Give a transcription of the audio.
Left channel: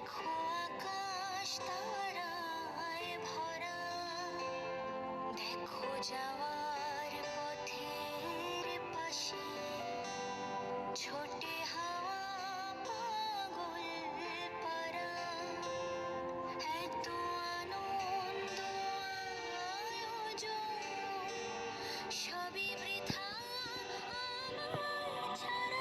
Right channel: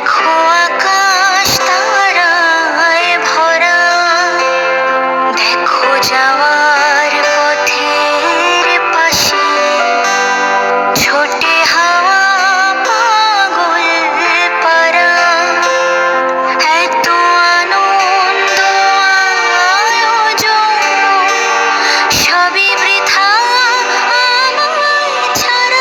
দেখো আকাশ তারায় ভরা। দেখো যাওয়া